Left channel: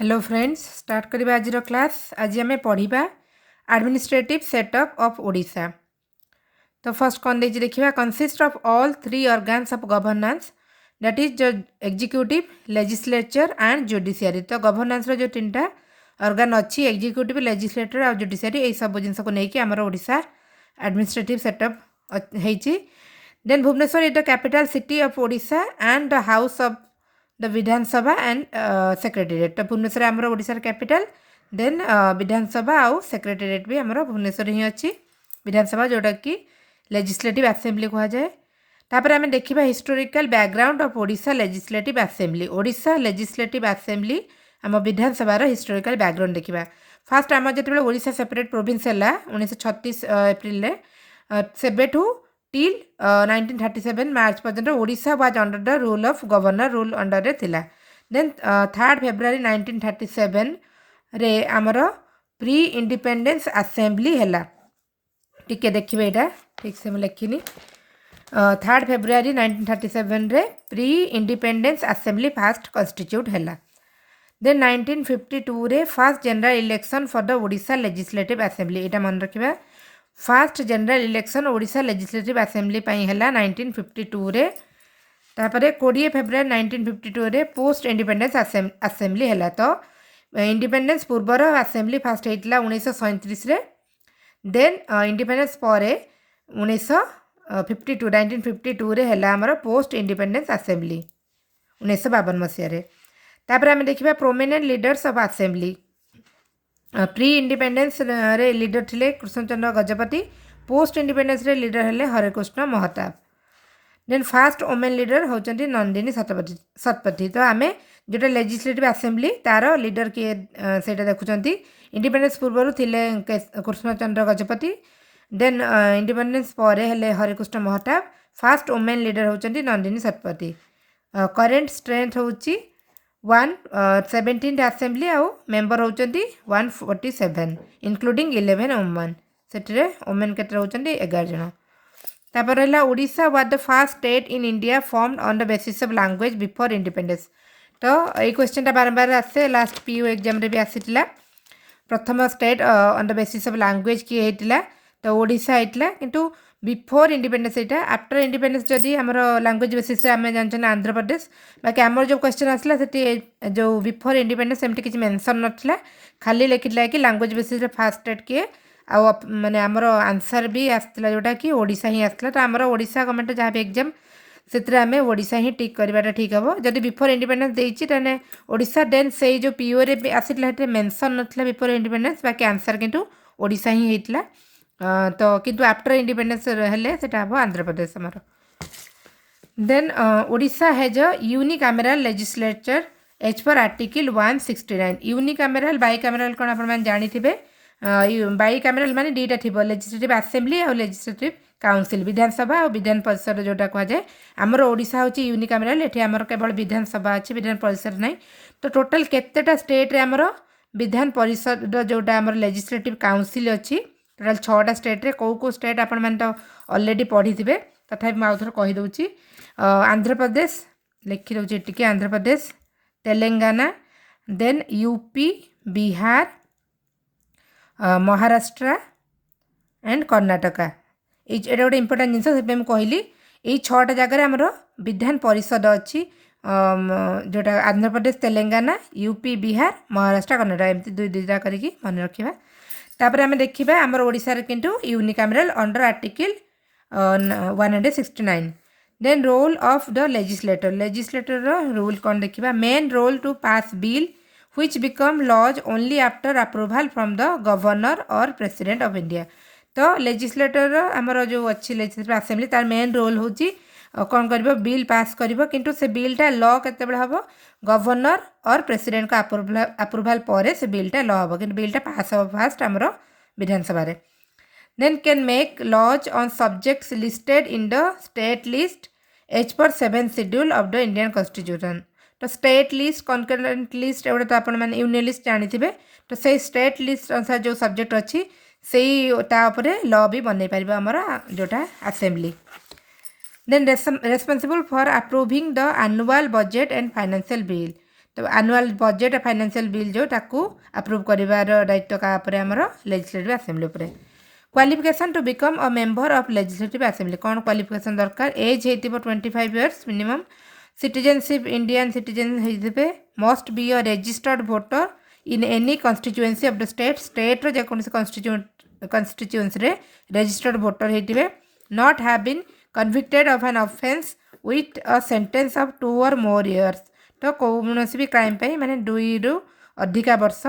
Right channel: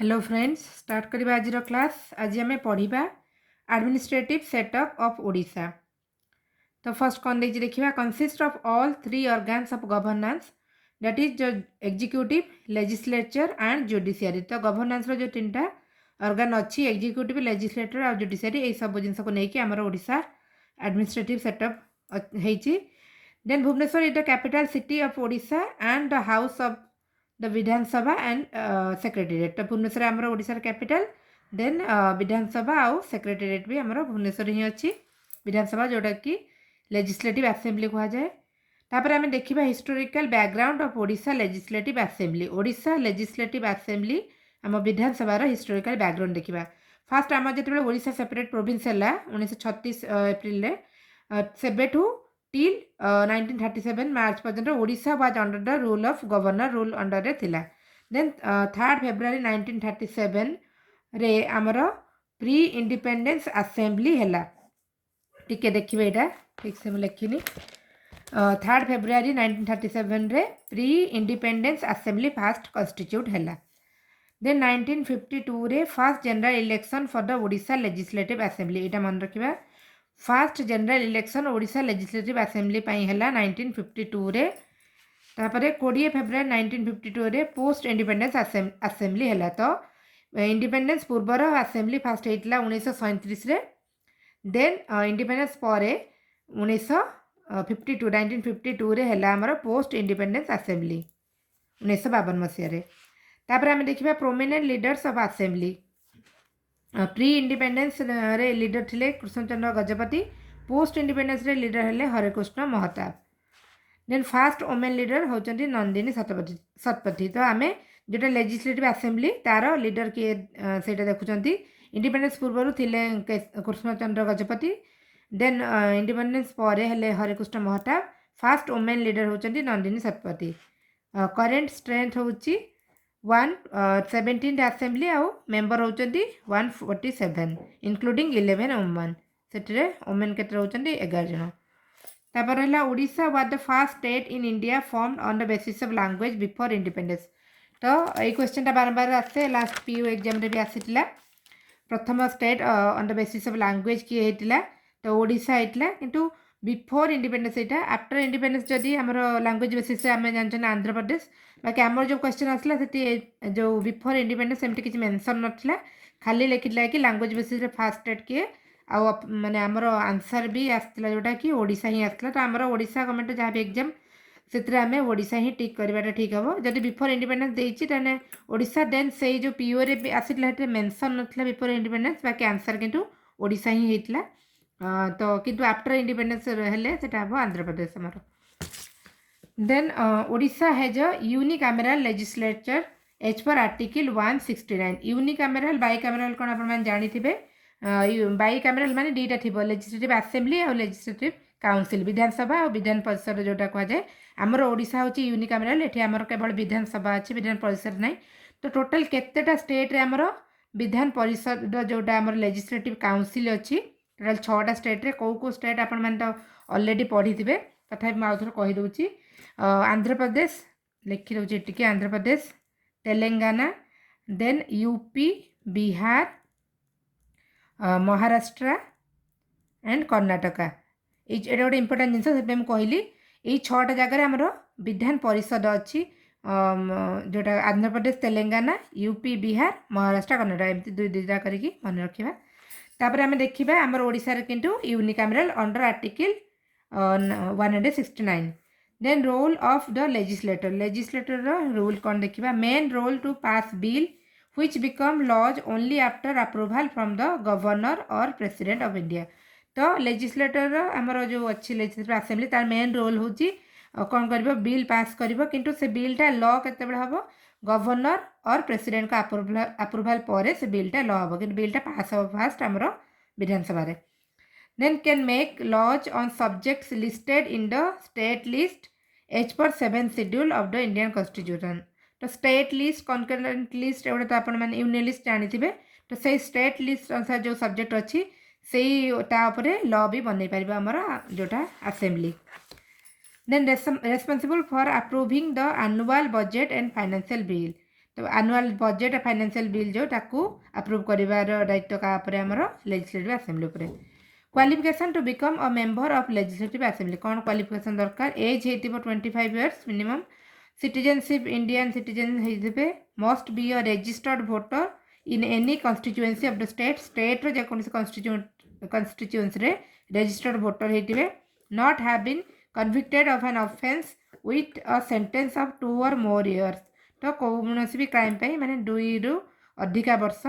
Hello friends, start करिबा आज class. आज आम पढ़ा एडमिनिस्ट्रेटिव सेटअप ऑफ ओडिशा। तो फर्स्ट कौन देखिए देखा consist of all three organs of governance, that is executive, legislature and judiciary. तो गवर्नेंस जो तीन टा ऑर्गन अच्छी एग्जीक्यूटिव, लेजिस्लेटर और जुडिशियरी, ये सब जिन को लेकिन आमर ओडिशा एडमिनिस्ट्रेटिव सेटअप होती। Then Bhubaneswar is the capital city of Odisha and the house of the Vidhan Sabha and secretariat. तो भुवनेश्वर आमर ओडिशार कैपिटल, देन विधानसभा आउ सेक्रेटेरिएट भी आमर भुवनेश्वर ही अच्छी। विधानसभा जोटा कि लेजिस्लेटिव असेंबली कह जाए। तापर आम देखा historical background of Odisha legislative assembly. Odisha legislative assembly आम विधानसभार हिस्टोरिकल बैकग्राउंड देखा। फास्ट आम जो ओडिशा सेपरेट प्रोविंस है 1936 एप्रिल सेबेठू टिल 1937 मार्च पर्यंत Odisha was under the rule of governor rule under रे थिला। देन 3 फेब्रुआरी 1937 रे आमर प्री इंडिपेंडेंस असेंबली हैला। टिके देखिए यहाँ ठीक से मुझे लिखिनी। 3 फेब्रुआरी 1937 रे pre independence assembly fast constitute हैला। देन 1952 रे first general election for the Odisha legislative assembly. यहाँ मन रखा first general election Odisha legislative assembly है 1952 रे। तापर 20 फेब्रुआरी 1952 रे पोस्ट इंडिपेंडेंस असेंबली है। तो इंडिपेंडेंस पूर्वर असेंबली फास्ट होता 1937 रे। देन इंडिपेंडेंस पर 1952 रे है आमर पोस्ट इंडिपेंडेंस असेंबली 1952 मसीह। तापर आम देखा prominent leaders of assembly. Pre independence रे लीडर थिले कृष्णचंद्र गजपति, पोस्ट इंडिपेंडेंस रे लीडर हेले Harekrushna Mahtab. Then first women leader होचंती नंदिनी शतपथी। तो आम जोटा लेजिस्लेटिव असेंबली तार लीडर किए सेटा देखुचंती। इंडिपेंडेंस पूर्व थिले कृष्णचंद्र गजपति, देन इंडिपेंडेंस पर हेले Harekrushna Mahtab. First women leader होचंती नंदिनी शतपथी। करेंट स्ट्रेंथ होची 117 असेंबली आउ मेंबर होचंती 147 इंक्लूडिंग 11 वुमेन। से वुमेन के होचंती 11 जन। तापर है Odisha was the first state in India formed on the basis of language before independence. तो ये क्वेश्चन टा बार बार आसे, लास्ट पीयू एग्जाम रे भी आसीतिला। प्रथम state on the basis of language किए होता तो ओडिशा होता, किंतु बिफोर इंडिपेंडेंस यहाँ। आफ्टर इंडिपेंडेंस जदि आमर लैंग्वेज बेसिस आम जानते आंध्र प्रदेश। बाकी आमर जो क्वेश्चन आसला जो बिफोर इंडिपेंडेंस एमती किसी मेंशन नथिला, खाली लिखिला कि लैंग्वेज बेसिस फास्ट स्टेट किए आ माने आमर आंसर भी आसला जोटा कि ओडिशा ही आसला। तो आमर ओडिशा गवर्नमेंट जहाँ भी एग्जाम से आम ओडिशा ही टिक करवाटा ठीक हम। जदि बिफोर इंडिपेंडेंस देती ताने ओडिशा, देन से जो पीओ रे आसला मेंशन नथिला बिफोर इंडिपेंडेंस, बाकी आंसर किंतु ओडिशा ही होता। तो किंतु आफ्टर इंडिपेंडेंस हेले सेटा हम आंध्र प्रदेश आमर। Then Odisha has a unicameral legislature as per article 169। Unicameral bicameral कौन आप जानी। बाइकामेराल माने दुईटा थी, लेजिस्लेटिव असेंबली और लेजिस्लेटिव काउंसिल, विधानसभा और विधान परिषद जोटा कहुए। आमर ओडिशा होची यूनिकामेराल, एठी आमर केवल विधानसभा अच्छी, विधान परिषद नहीं। तो टोटल केतेटा स्टेट रे आमर विधान परिषद जोटा आमर लेजिस्लेटिव काउंसिल अच्छी। टोटाल 6टा स्टेट रे कौ स्टेट आपण मैंने तो ऑलरेडी पढ़ी थे, तथापि मैं आउथर कहीदे। आंध्र प्रदेश लिखी दूसरी टी, Andhra Pradesh, Telangana, then UP, Bihar, Maharashtra and Karnataka. ये गोटे इंपोर्टां जिन से कहली ये 6टा जगह आमर विधान परिषद अच्छी, जोटा आंध्र प्रदेश, तेलंगाना, यूपी, बिहार, महाराष्ट्र, कर्णाटक, एमती दुई दुईटा करके मन रखा। तापर आम देखा आमर ओडिशा रे किंतु unicameral under article 169। Then role of the legislator. Legislator rule कौन देखा। Main role to pass bill which become laws only after approval from the governor और प्रेसिडेंट ऑफ इंडिया। तो लेजिस्लेटर आमर जो अच्छी लेजिस्लेटिव असेंबली तार मेन रोल होची कौन कर बिल पास कर, किंतु से बिलटा लॉ केते हम गवर्नर और प्रेसिडेंट का अप्रूवल पर से बिलटा लॉ हम, कि बिलटा पास हम फास्ट आमर Vidhan Sabha. Then can make laws on subjects listed in the state list as per 7 schedule of the Indian constitution. तो स्टेट लिस्ट, कनकरेंट लिस्ट एवढे तो आपण मैंने यूनियन लिस्ट जानी। तो से स्टेट लिस्ट अनुसार जो सब्जेक्ट अच्छी से लॉ भी बनई पार आमर जोटा assembly. Then responsible for approving the annual budget and financial bill. तो एनुअल बजेट फाइनेंशियल बिल जो ताकू अप्रूव करिवार दायित्व का उपरे हमर लेजिस्लेटिव असेंबली उपरे qualification to become a member of legislative assembly कौन क्वालिफिकेशन दरकार एज हेतिबो 25 years minimum citizenship Indian citizen हेतिबे must be a registered voter in any constituency of the state रो जे कोनसी कॉन्स्टिट्यूएंसी रे registered voter हेतिबे not have been convicted of an offence with a sentence of 2 or more years तो कौन भी crime पे माने 2 रु अधिका वर्ष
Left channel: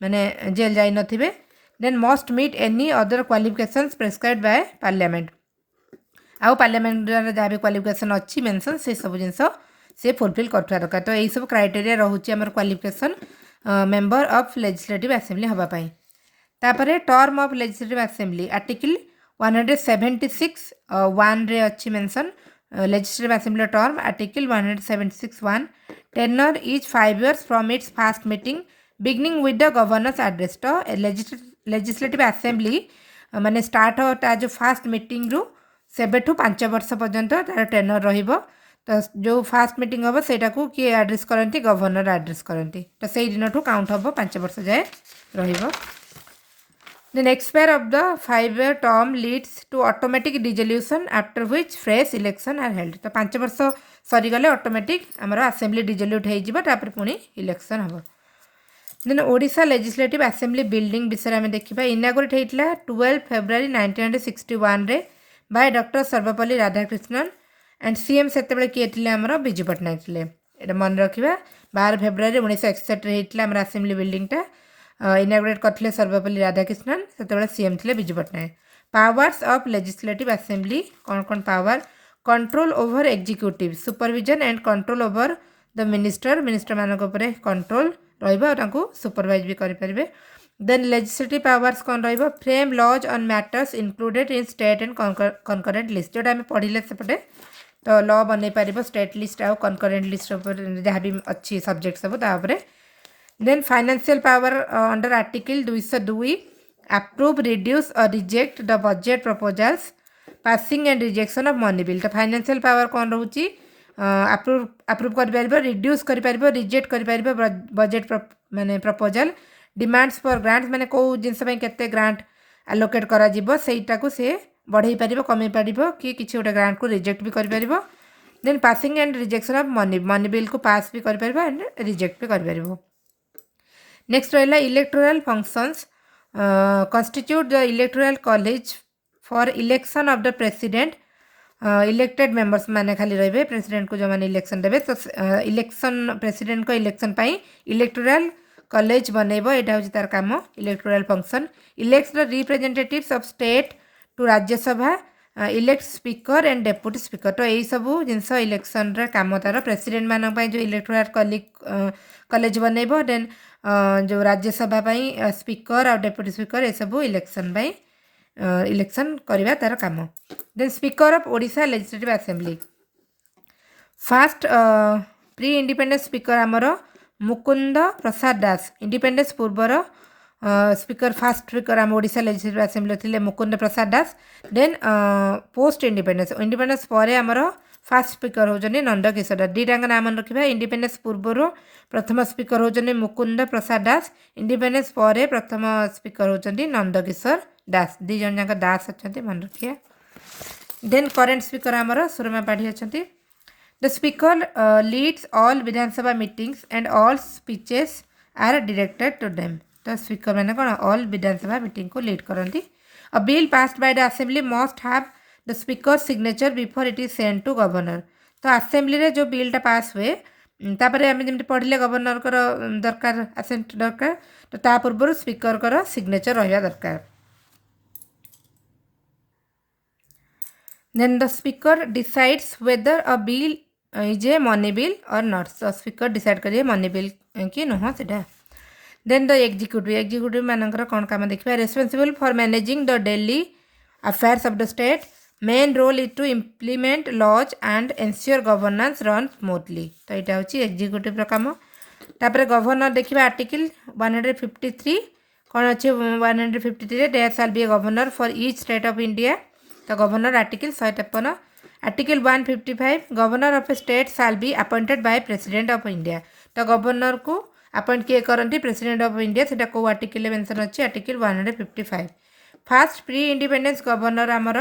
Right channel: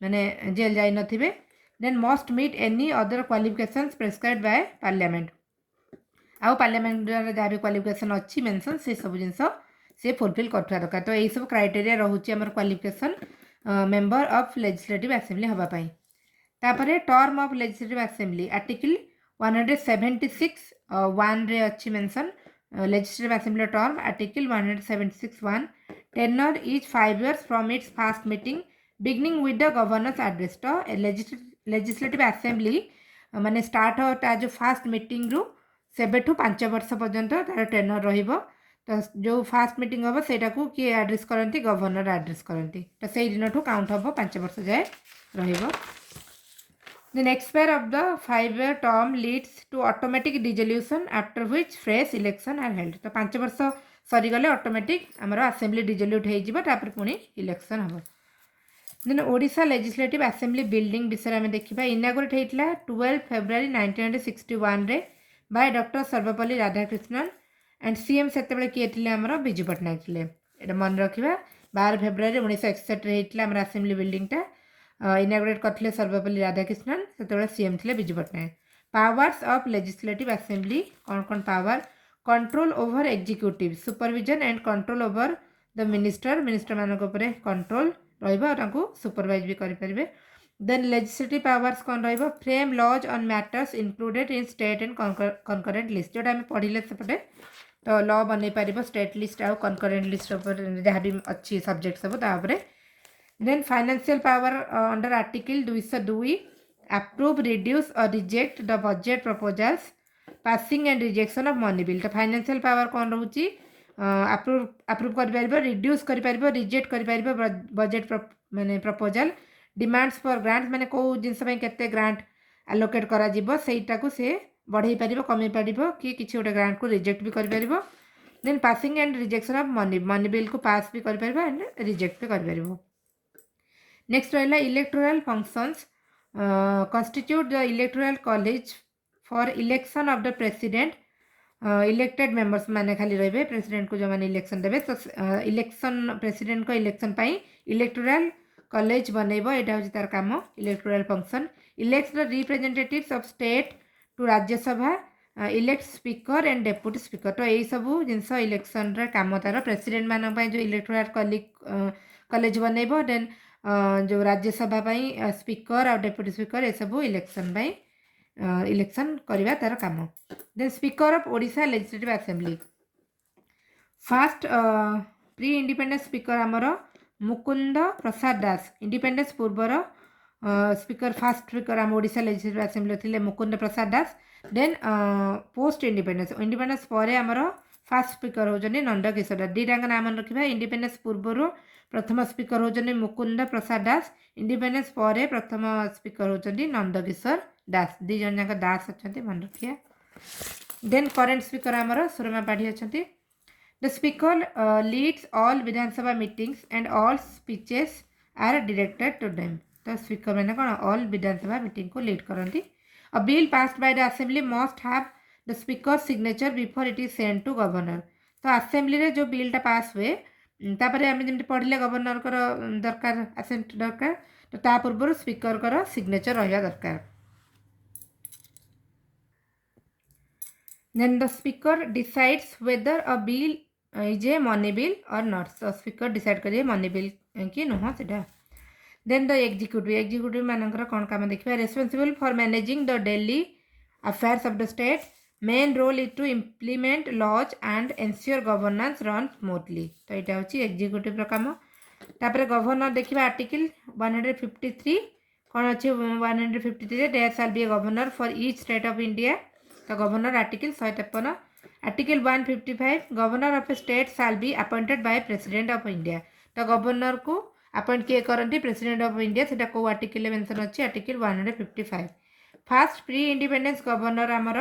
माने जेल जाई नथिबे then must meet any other qualifications prescribed by parliament आउ पार्लियामेंट जहाँ भी क्वालिफिकेशन अच्छी मेंशन से सब जिनस से फुलफिल करथवा दरकार तो यही सब क्राइटेरिया रहउची हमर qualification member of legislative assembly हवा पाई तापरे term of legislative assembly article 176 1 रे अच्छी mention legislative assembly term article 176(1) tenure is 5 years from its first meeting beginning with the governor's address तो लेजिस्लेटिव असेंबली माने स्टार्ट होता जो first meeting रु सेबेठु 5 वर्ष पर्यंत तार टेनर रहिबो तो जो फर्स्ट मीटिंग हम सेटा को किए एड्रेस करती गवर्नर एड्रेस करती तो से दिन ठू काउंट हम 5 वर्ष जाए रहिबो Then expire of the 5-year term leads to automatic dissolution after which fresh election are held. तो 5 वर्ष सरी गले ऑटोमेटिक हमर असेंबली डिसोल्यूट हो जिवो तापर पुनी इलेक्शन हबो then Odisha legislative assembly building विषय में देखिबा इनागुरेट हेतला 12 February 1961 रे by doctor Sarvepalli Radhakrishnan and CM सेते बेले किए थिले हमर बिजू पटनायक थिले एटा मन रखिबा 12 February 1961 रे हेतला हमर असेंबली बिल्डिंग टा इनागुरेट करथिले सर्वपल्ली राधाकृष्णन सेते बेले सीएम थिले Biju Patnaik powers of legislative assembly कौन कौन power control over executive supervision and control over the minister मानक उपरे कंट्रोल रहिबो तांको सुपरवाइज भी करि परिबे देन लेजिस्लेटिव पावर्स कौन रहिबो frame laws on matters included in state and concurrent list जोटा हम पढ़िले सेपटे तो लॉ बनै परिबो स्टेट लिस्ट आ कनकरेंट लिस्ट ऊपर जहाँ भी अच्छी सब्जेक्ट सब ता ऊपर then financial power under article 202 approve reduce or reject the budget proposals passing and rejection of money bill तो फाइनेंशियल पावर कौन रोची अप्रूव कर पारिबो रिड्यूस कर पारिबो रिजेक्ट कर पारिबो बजेट माने प्रपोजल डिमांड्स फॉर ग्रांट माने को जिनस पई केते ग्रांट एलोकेट करा जिवो सेटा को से बढ़ाई पारिबो कमे पारिबो कि किछि गोटे ग्रांट को रिजेक्ट भी कर पारिबो then passing and rejection of money bill को पास भी कर पारिबो एंड रिजेक्ट भी कर पारिबो नेक्स्ट रहला electoral functions constitute the electoral college for election of the president elected members माने खाली रहिबे प्रेसिडेंट को जो माने इलेक्शन देबे तो इलेक्शन प्रेसिडेंट को इलेक्शन पाई इलेक्टोरल कॉलेज बनैबो एटा होची तार काम electoral function elects the representatives of state to Rajya Sabha elect speaker and deputy speaker तो यही सब जिनस इलेक्शन रे काम तार प्रेसिडेंट मानन पाई जो इलेक्टोरल कॉलेज बनैबो देन जो राज्यसभा पाई स्पीकर और डेप्यूटी स्पीकर ये सब इलेक्शन पाई इलेक्शन करवा तार काम then speaker of Odisha legislative assembly first pre independence speaker आमर मुकुंद प्रसाद दास इंडिपेंडेंस पूर्वर स्पीकर फास्ट स्पीकर आम ओडिशा लेजिस्लेटिव असेंबली थिले Mukund Prasad Das then post independence पर आमर फास्ट स्पीकर होजने नंद किशोर दास दीटांग नाम रखिबा इंडिपेंडेंस पूर्वर प्रथम स्पीकर होजने मुकुंद प्रसाद दास इंडिपेंडेंस पर प्रथम स्पीकर होजने नंद किशोर दास दी जन जाक दास अच्छा मन रखिए देन करेन्ट स्पीकर आमर सुरमा पाढ़ी अच्छा the speaker leads all Vidhan Sabha meetings and all speeches are directed to them तो स्पीकर मैंने कौन ऑल विधानसभा मीटिंग को लीड करती a bill passed by the assembly must have the speaker signature before it is send to governor तो assembly रे जो बिलटा पास हुए तापर आम जमी पढ़ले गवर्नर कर दरकार असेंट दरकार तो ता पूर्व स्पीकर कर सिग्नेचर रहा दरकार then the speaker decides whether a bill is a money bill or not so speaker decide करिए money bill कि नुह सेटा then the executive मानकर कौन काम देखिए responsible for managing the daily affairs of the state main role is to implement laws and ensure governance run smoothly तो यहाँ हूँ executive काम तापर गवर्नर देखिए आर्टिकल 153 कौन अच्छे 153 there shall be a governor for each state of India तो governor article 153 article 155 governor of A state shall be appointed by president of India तो गवर्नर को अपॉइंट किए करती प्रेसिडेंट ऑफ इंडिया से को आर्टिकल मेंशन अच्छी article 155 fast pre independence governor आमर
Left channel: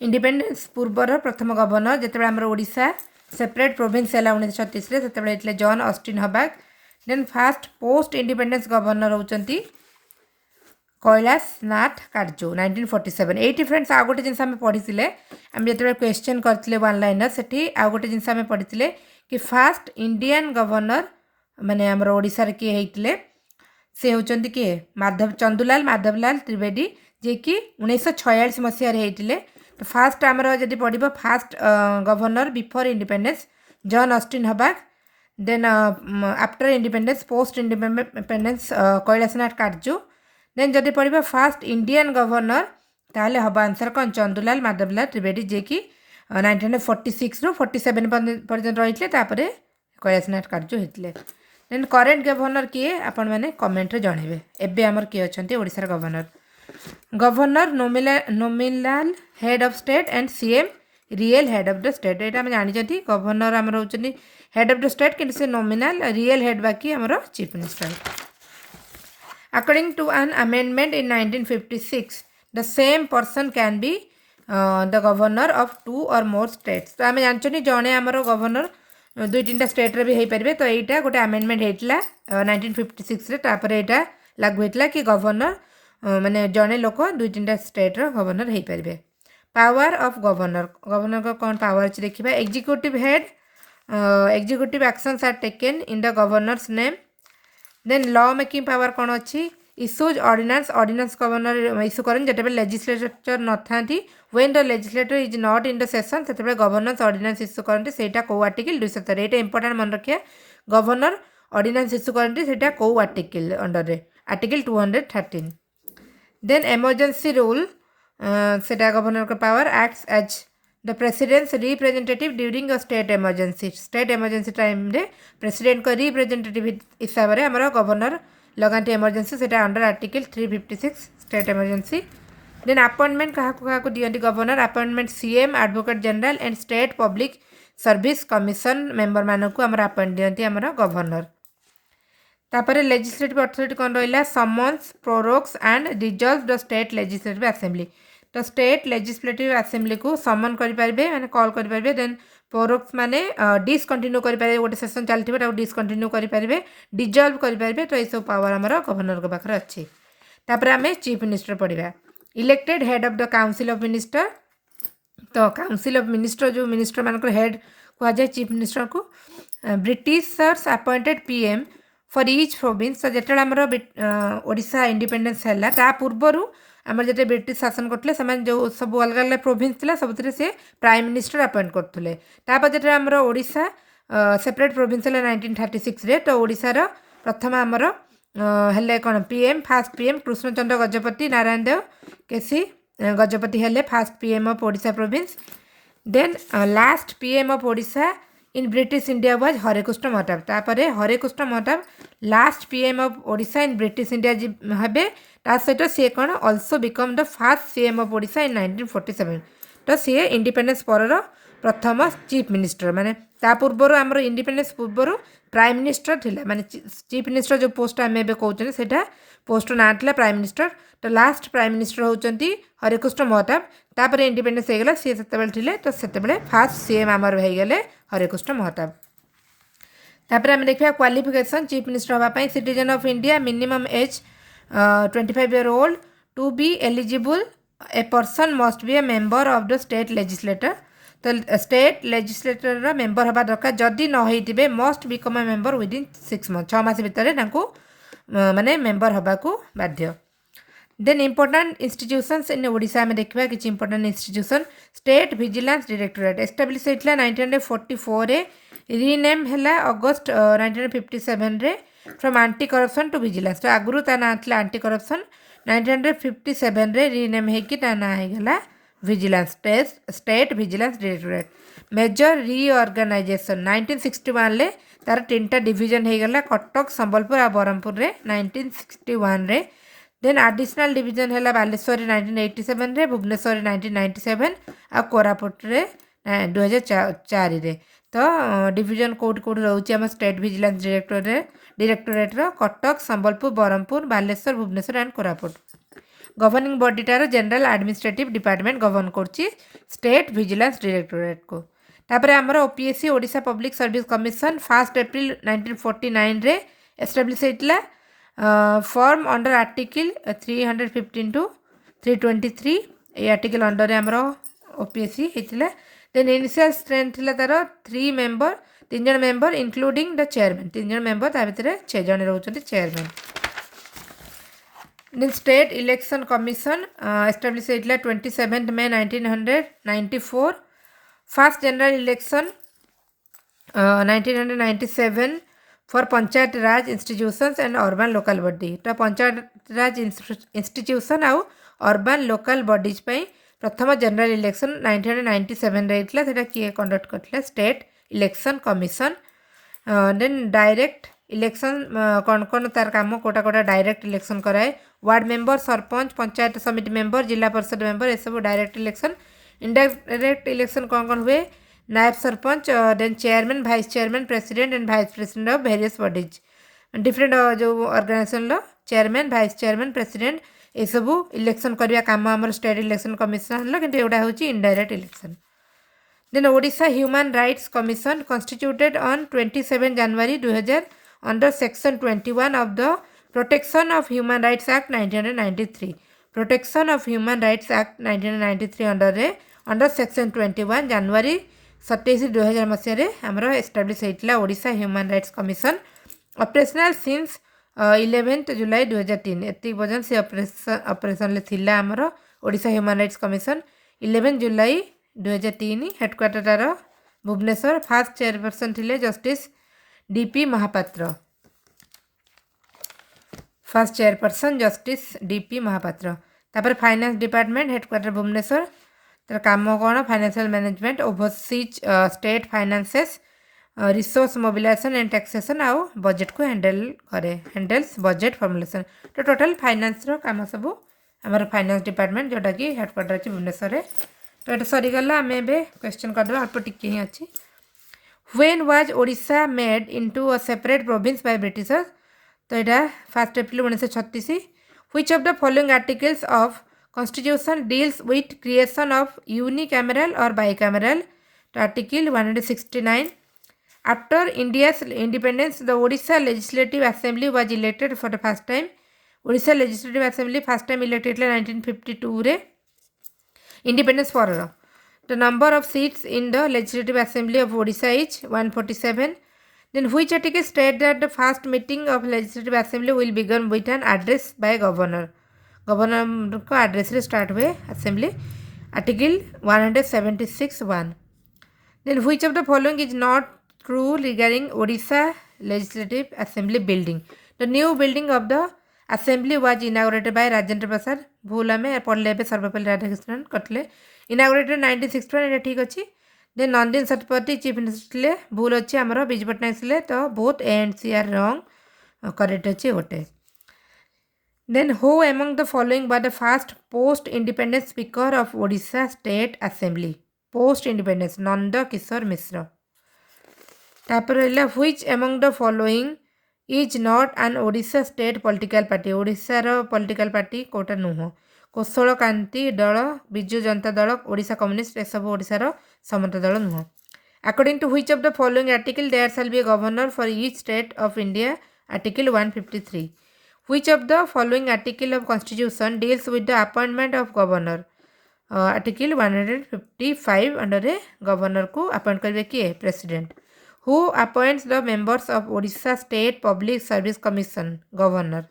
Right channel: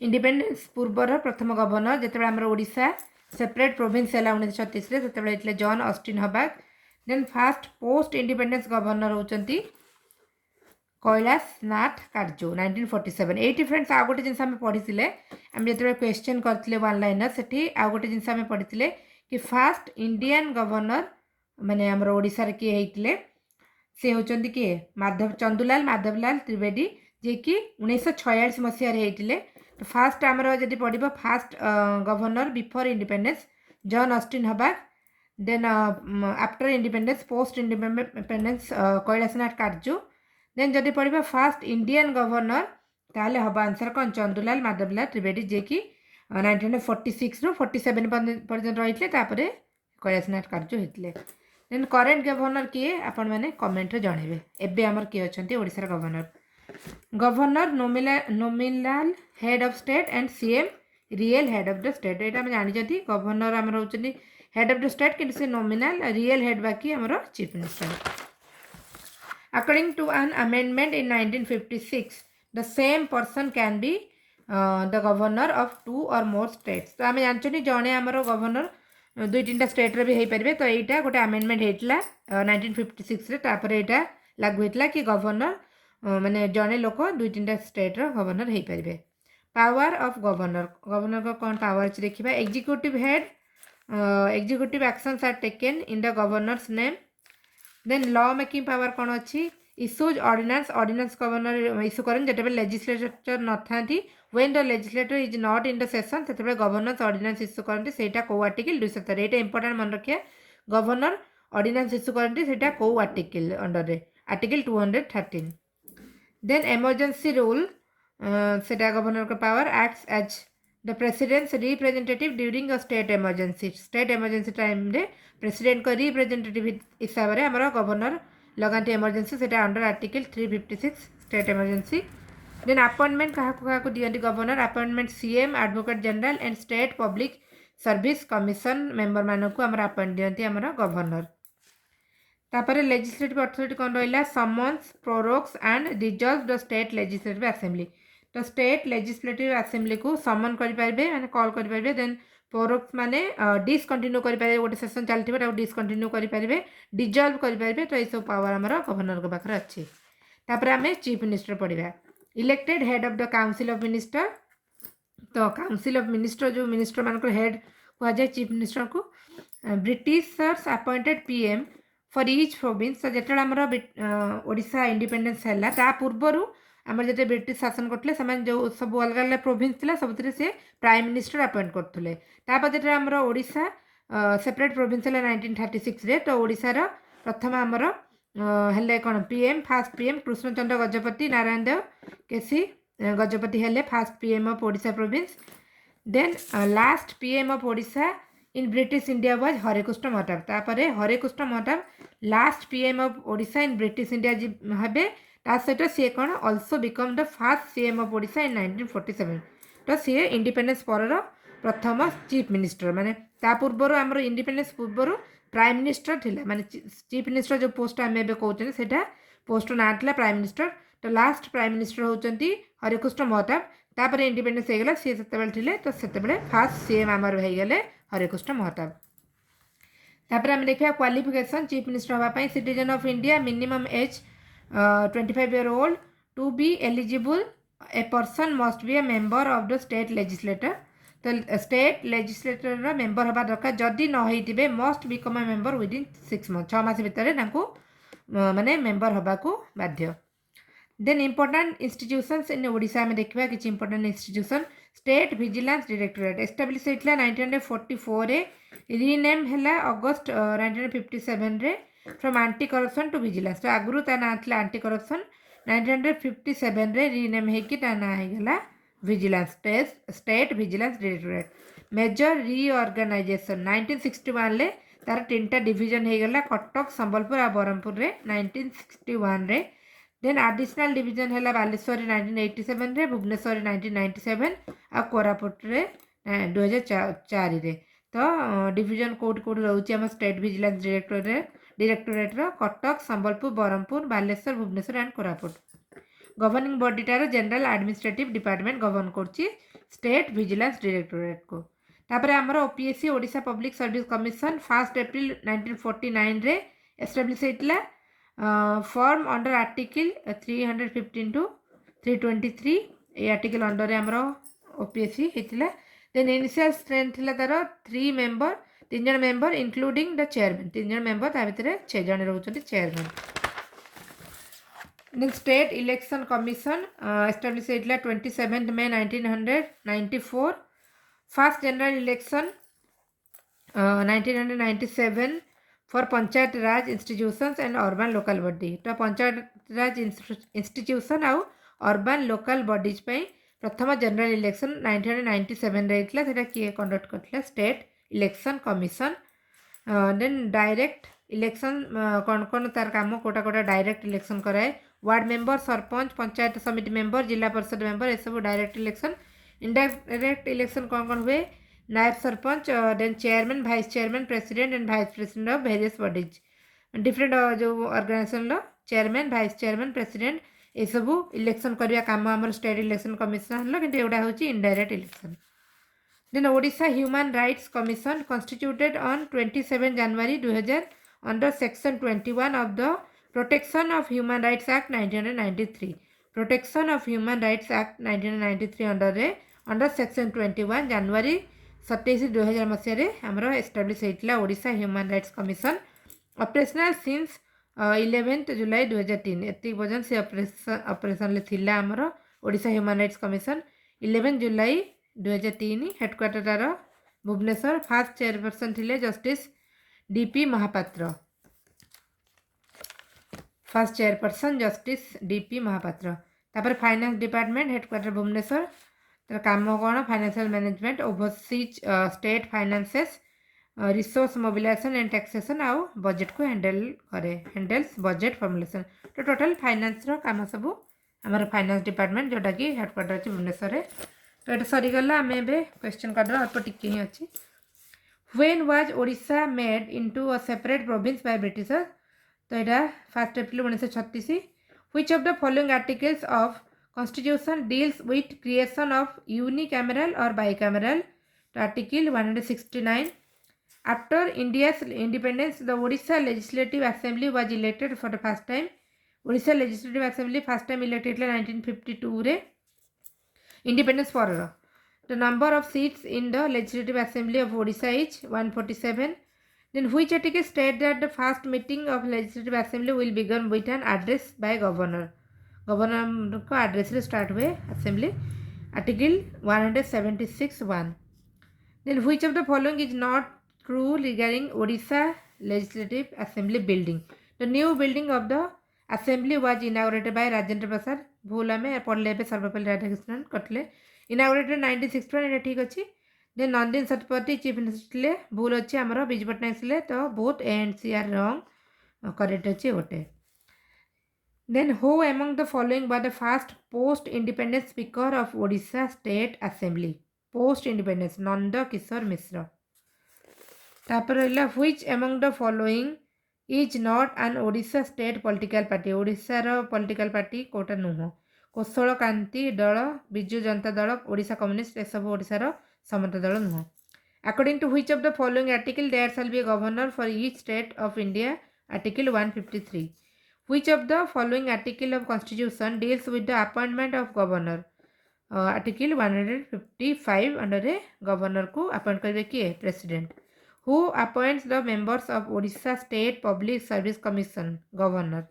independence पूर्वर प्रथम गवर्नर जिते आमर ओडिशा सेपरेट प्रोविंस है 1936 से John Austin Hubback then first post independence governor होती कैलाश नाथ काटजू 1947 एटी फ्रेंड्स आउ गोटे जिन पढ़ी आम जो क्वेश्चन करते वन लाइनर से आउ गोटे जिन पढ़ी कि फास्ट इंडियन गवर्नर माने आमर ओडिशा किए होते से होती किए चंदुलाल माधवलाल त्रिवेदी जे कि 1946 मसीह होते तो फास्ट आमर जब पढ़ first governor before independence John Austin Hubback then after independence post independence Kailashnath Katju then जब पढ़ फास्ट इंडियन गवर्नर ताले हम आंसर कौन चंदुलाल माधवलाल त्रिवेदी जे कि 1946 ରୁ 47 पर्यंत रही कैलाशनाथ काटजू होते देन करेन्ट गवर्नर किए आपण मैंने कमेंट जनइबे एबे आमर किए अच्छा ओडिशार governor nominal head of state and CM real head of the state यहाँ आम जानते गवर्नर आमर होती हेड ऑफ द स्टेट कि से नोमिनाल रियल हेड बाकी आमर chief minister according to an amendment in 1956 the same person can be the governor of 2 or more states तो आम जानते जड़े आमर गवर्नर 2-3टा स्टेट रे भी हो पारे तो यहाँ गोटे अमेंडमेंट होता 1956 यहाँ लागू होता कि गवर्नर माने जड़े लोक 2-3टा स्टेट गवर्नर हो पारे पावर ऑफ गवर्नर गवर्नर का कौन पावर अच्छे देखा executive head executive actions are taken in the governor's name then law making power कौन अच्छी इश्यूज ऑर्डिनेंस गवर्नर इश्यू करें जो लेजिस्लेचर न था when the legislator is not in the session से गवर्नर्स ऑर्डिनेंस इश्यू करते से कौ आर्टिकल 213 यहाँ इंपोर्टेंट मन रखिए गवर्नर ऑर्डिनेंस इश्यू करते से कौ आर्टिकल अंडर रे आर्टिकल 213 देन एमरजेंसी रूल सेटा गवर्नर का power acts as the president's representative during a state emergency time रे प्रेसिडेंट का रिप्रेजेंटेटिव हिसाब से आमर गवर्नर लगाते एमरजेंसी से under article 356 state emergency then appointment क्या दिखती governor appointment CM advocate general and state public service commission member मानक आमर अपॉइंट दिखती आमर गवर्नर तापर लेजिस्लेटिव अथॉरिटी कौन रहा summons prorogues and dissolve the state legislative assembly तो स्टेट लेजिस्लेटिव असेंबली को समन करेंगे मैंने कॉल करेंगे देन प्रोरोक्स माने डिसकंटिन्यू करेंगे गोटे सेसन चलती डिसकंटिन्यू करेंगे डिजॉल्व करेंगे तो ये सब पावर आमर गवर्नर के पाखे अच्छी तापर आम चीफ मिनिस्टर पढ़ा elected head of the council of minister तो काउंसिल ऑफ मिनिस्टर जो मिनिस्टर मान हेड कहुए चीफ मिनिस्टर को Britishers appointed PM for each province तो जो आमर ओडिशा इंडिपेंडेंस है ता पूर्वर आमर जो ब्रिटिश शासन करते से जो सब अलग अलग प्रोविंस थी सब से प्राइम मिनिस्टर अपॉइंट करते तापर जो आमर ओडिशा सेपरेट प्रोविंस है 1936 रे तो ओडिशार प्रथम आमर हेले कौन PM first PM Krishnachandra Gajapati Narayan Deo KC Gajapati हेले first PM of Odisha province then last PM of Odisha in British India was Harekrushna Mahtab तापर Harekrushna Mahtab last PM of Odisha in British India हे सहित सी कौन also become the first CM of Odisha in 1947 तो सी इंडिपेंडेंस पर प्रथम चीफ मिनिस्टर माने ता पूर्वर आमर इंडिपेंडेंस पूर्वर प्राइम मिनिस्टर थिला माने चीफ मिनिस्टर जो पोस्ट आम ए कहते सेटा पोस्ट ना था प्राइम मिनिस्टर तो लास्ट प्राइम मिनिस्टर होती हरेकृष्ण महताब तापर इंडिपेंडेंस हो गला सी से तो से फास्ट सीएम आमर होगले हरेकृष्ण महताब तापर आम देखा क्वालिफिकेशन चीफ मिनिस्टर हाँपाई citizen of India minimum age 25 year old to be eligible a person must be a member of the state legislator तो स्टेट लेजिस्लेटर मेंबर हवा दरकार जदि न होइतिबे must become a member within 6 months 6 मास भितर माने मेंबर हवा को बाध्य then important institutions in Odisha में देखा कि important institution state vigilance directorate establish होता 1944 रे रीनेम है अगस्ट 1957 रे from anti corruption to vigilance तो आगुरी ता ना था एंटी करप्शन 1957 रे रीनेम होगी ता ना होगा vigilance state vigilance directorate major reorganisation 1961 ले तार 3टा डिवीजन होगला कटक संबलपुर और बरहमपुर रे 1961 रे देन एडिशनल डिवीजन है बालेश्वर 1987 रे भुवनेश्वर 1997 आ कोरापुट रे 2004 रे तो डिवीजन कोड कोड रोचे आम state vigilance directorate Cuttack Sambalpur Berhampur Baleswar Bhubaneswar and Koraput governing बॉडीटार जनरल एडमिनिस्ट्रेटिव डिपार्टमेंट गवर्न करछि स्टेट विजिलेंस डायरेक्टोरेट को तापर आमर OPSC Odisha public service commission 1 April 1949 रे एस्टाब्लिश होइतला form under article 315 to 323 A article under रे आमर ओपीएससी होइतला देन इनिशियल स्ट्रेंथ थिला तार 3 जन मेंबर इंक्लूडिंग द चेयरमैन 3 जन मेंबर ता भितर 6 जन रहउछन्ति chairman then state election commission establish होइतला 27 May 1994 first general election 1997 for panchayat raj institutions and urban local body तो पंचायत राज इंस्टीट्यूशन आउ अर्बन लोकल बॉडीज पई प्रथम जनरल इलेक्शन 1997 रे इतला सेटा किए कंडक्ट करथला state election commission then direct election कौन कौन तार काम कोटा कोटा डायरेक्ट इलेक्शन कराए ward member sarpanch panchayat samiti member जिला परिषद मेंबर ये सब डायरेक्ट इलेक्शन इनडायरेक्ट इलेक्शन कौन कौन हुए नायब sarpanch then chairman vice chairman president and vice president of various bodies different जो ऑर्गेनाइजेशन लो चेयरमैन वाइस चेयरमैन प्रेसिडेंट ये सब इलेक्शन करवा काम आम स्टेट इलेक्शन कमिशन कि एगुड़ा हूँ indirect election then Odisha human rights commission constituted on 27 January 2000 under section 21 of the protection of human rights act 1993 protection of human rights act 1993 under section 21 January 27 2000 मसीह आमर एस्टाब्लिश होता Odisha human rights commission operational since 11 July 2003 एति पर्यटन से operation थिला आमर Odisha human rights commission 11 July 2003 headquarter तार Bhubaneswar first chairperson थिले justice DP Mahapatra first chairperson justice DP Mahapatra तापर फाइनेंस डिपार्टमेंट हेडक्वार्टर भुवनेश्वर तर काम कौन financial management oversees state finances resource mobilisation and taxation आउ बजेट को हैंडल्स बजेट फॉर्मुलेशन तो टोटल फाइनेंस रो काम सब आमर फाइनेंस डिपार्टमेंट जोटा कि हेडक्वार्टर अच्छी भुवनेश्वर तो ये सरीगला आम ए क्वेश्चन करदे अल्प टिके ही अच्छी when was Odisha made into a separate province by Britishers तो यहाँ 1 April 1936 which of the following articles of constitution deals with creation of unicameral और बाइकैमरल तो article 169 after India's independence the Odisha Legislative Assembly was elected for the first time Odisha Legislative Assembly first time elected 1952 रे independence for the number of seats in the Legislative Assembly of Odisha is 147 then which article state that the first meeting of Legislative Assembly will begin with an address by governor को address रे start हुए assembly article 176(1) then which of the following is not true regarding Odisha Legislative Assembly building the new building of the assembly was inaugurated by Rajendra Prasad भूल आम पढ़ले सर्वपल्ली राधाकृष्णन करते inaugurated 1961 ये ठीक अच्छी then Nandini Satpathy chief minister भूल अच्छी आमर विजु पट्टनायक थे तो both A and C are wrong correct अच्छी गोटे then who among the following were the first post independence speaker of Odisha state assembly post independence Nanda Kishore Mishra तापर which among the following is not an Odisha state political party ओडिशार political party कोटा नुह कौशल कांति दल Biju Janata Dal Odisha communist ए सब ओडिशार समता दल नुह according to which of the following article there shall be a governor for each state of India article 153 which of the following article of constitution deals with the appointment of governor article 155 under governor को appoint करेंगे किए president Who appoints the members of Odisha State Public Service Commission? Governor.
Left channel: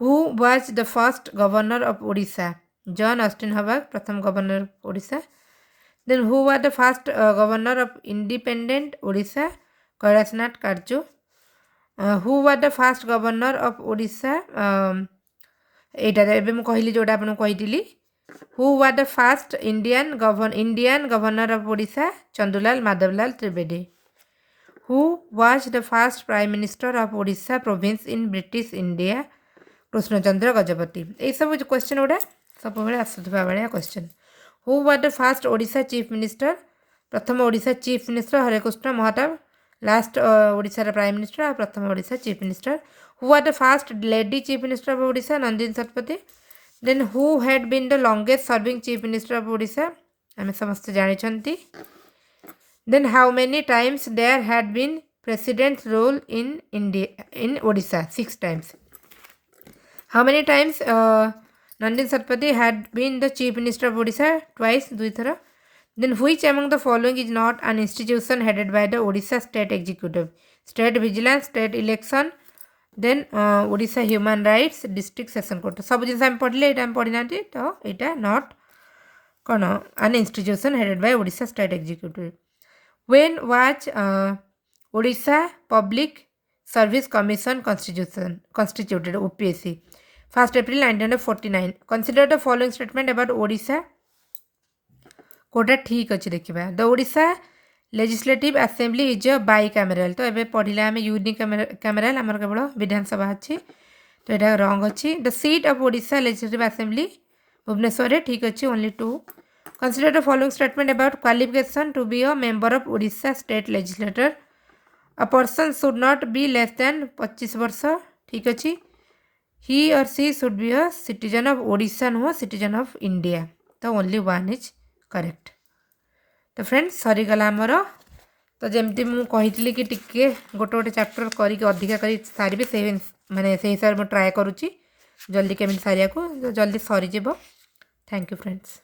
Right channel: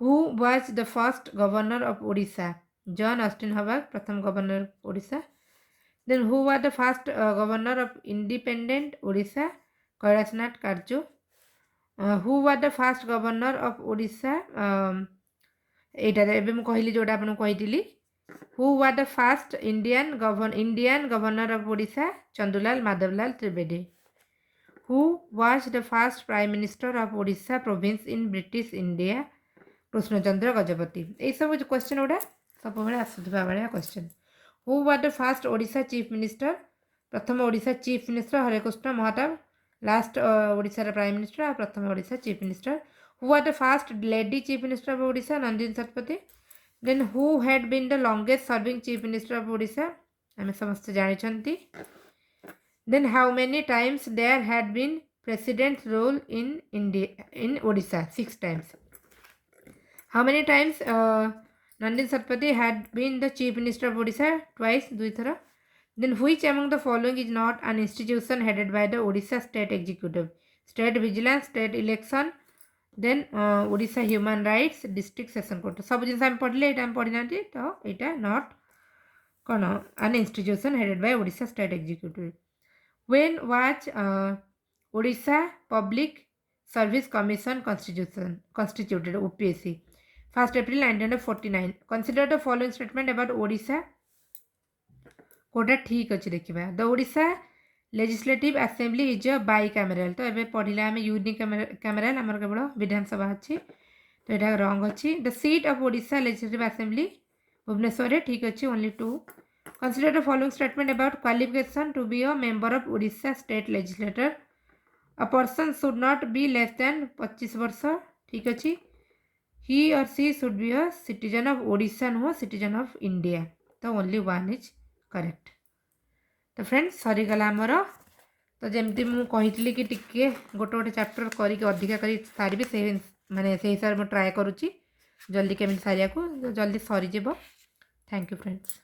Who was the first governor of Odisha? John Austin Howard, प्रथम governor of Odisha. Then who was the first governor of independent Odisha? Kairasnath Karju. Who was the first governor of Odisha? एटा एबे मु कहली जोडा आपन कहितिली Who was the first Indian governor of Odisha? Chandulal Madhavlal Trivedi. Who was the first Prime Minister of Odisha province in British India? Krishnachandra Gajapati. ये सब question गुड़ा सब आसूवा भाया question Who was the first Odisha Chief Minister? प्रथम Odisha chief minister Harekrushna Mahtab, last Odisha prime minister और प्रथम Odisha chief minister. Who are the first lady chief minister of Odisha? Nandini Satpathy. Then who had been the longest serving chief minister of Odisha? आम समस्त जानी. Then how many times there had been president rule in India in Odisha? 6 times. How many times Nandini Satpathy had been the chief minister of Odisha? Twice, 2 थर. Then which among the following is not an institution headed by the Odisha State Executive? State Vigilance, State Election, then Odisha Human Rights, District Session Court. सब जिन हम पढ़ले एटा हम पढ़ी नांती तो एटा not कौन an institution headed by Odisha State Executive. When was Odisha Public Service Commission constituted? OPSC. 1st April 1949. Consider the following statement about Odisha. Kota ठीक अच्छे देखा. The Odisha legislative assembly is a bicameral. तो ये पढ़ला आम यूनिकामेराल आमर केवल विधानसभा अच्छी. तो यहाँ रंग अच्छी. The seat of Odisha legislative assembly Bhubaneswar. ठीक अच्छे. Only 2. Consider the following statement about qualification to be a member of Odisha state legislator. A person should not be less than 25 वर्ष. ठीक अच्छे. He or she should be a citizen of Odisha, नुह citizen of India. तो only 1 is correct. तो friends सरीगला आमर. तो जमती मुझे कही कि टिके गोटे गोटे चैप्टर करके अधिका कर सारी से मैंने से हिसाब से ट्राए करुच्ची जल्दी केमी सारिया को जल्दी सरीज. Thank you friends.